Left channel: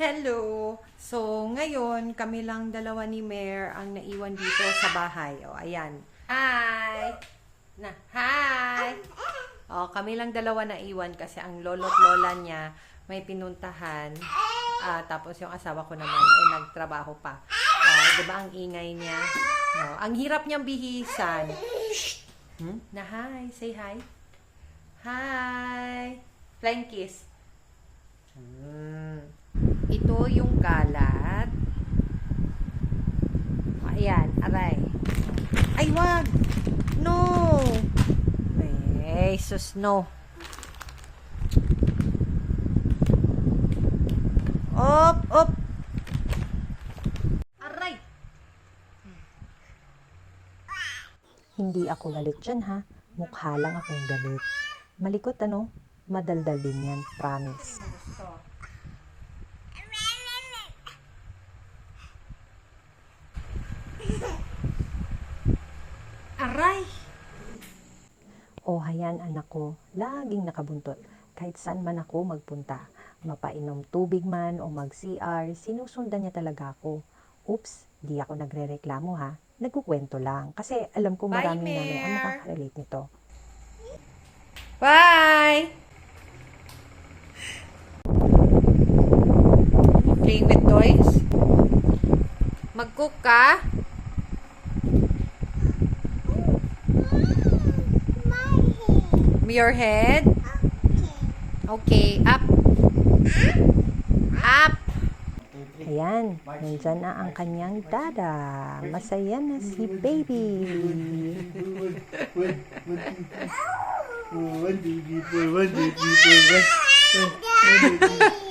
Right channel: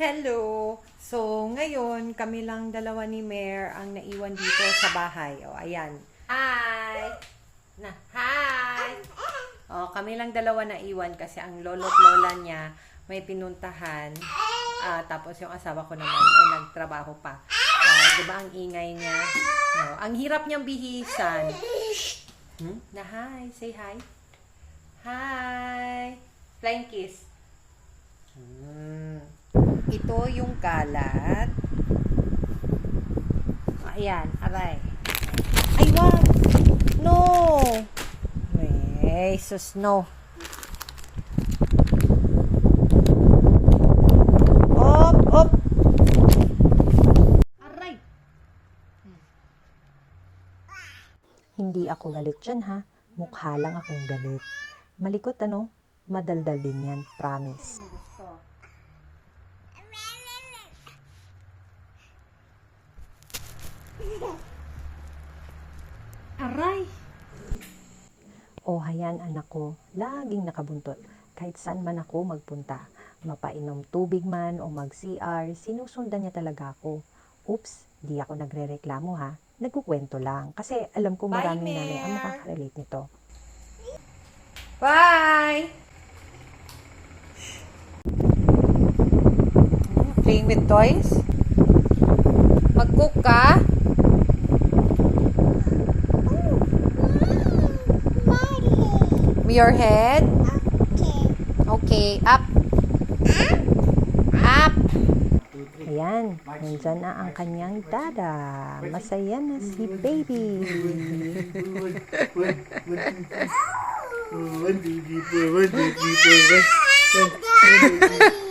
Hello! So, ngayon, kami lang dalawa ni Mare ang naiwan dito sa bahay. O, ayan. Hi! Hi! O, kami lang dalawa naiwan kasi ang lolo't lola niya may pinuntahan. Tapos yung asawa ko naman, nagtrabaho pa. Diba ang ingay niya? Ang hirap niyang bihisan. Na hi! Say hi! Hi! Flying kiss. Ito yung kalat. Ayan, aray. Ay, wag! No! May, sus, no. Op, op! Aray! Hindi ako galit dyan ha. Mukha lang akong galit. Malikot ano? Madaldal din yan, promise. Aray! O hayan anak ko, laging nakabuntot. Kahit saan man ako magpunta. Mapainom tubig man o mag-CR, sinusundan niya talaga ako. Oops, di ako nagre-reklamo ha. Nagkukwento lang. Kasi alam ko maraming nanay ang makaka-relate nito. Bye! Playing with toys? Mag-cook ka? Your head? Okay. Up. Up. Ayan, nandyan na ang kanyang dada. Masaya na si baby. One, two, three, four.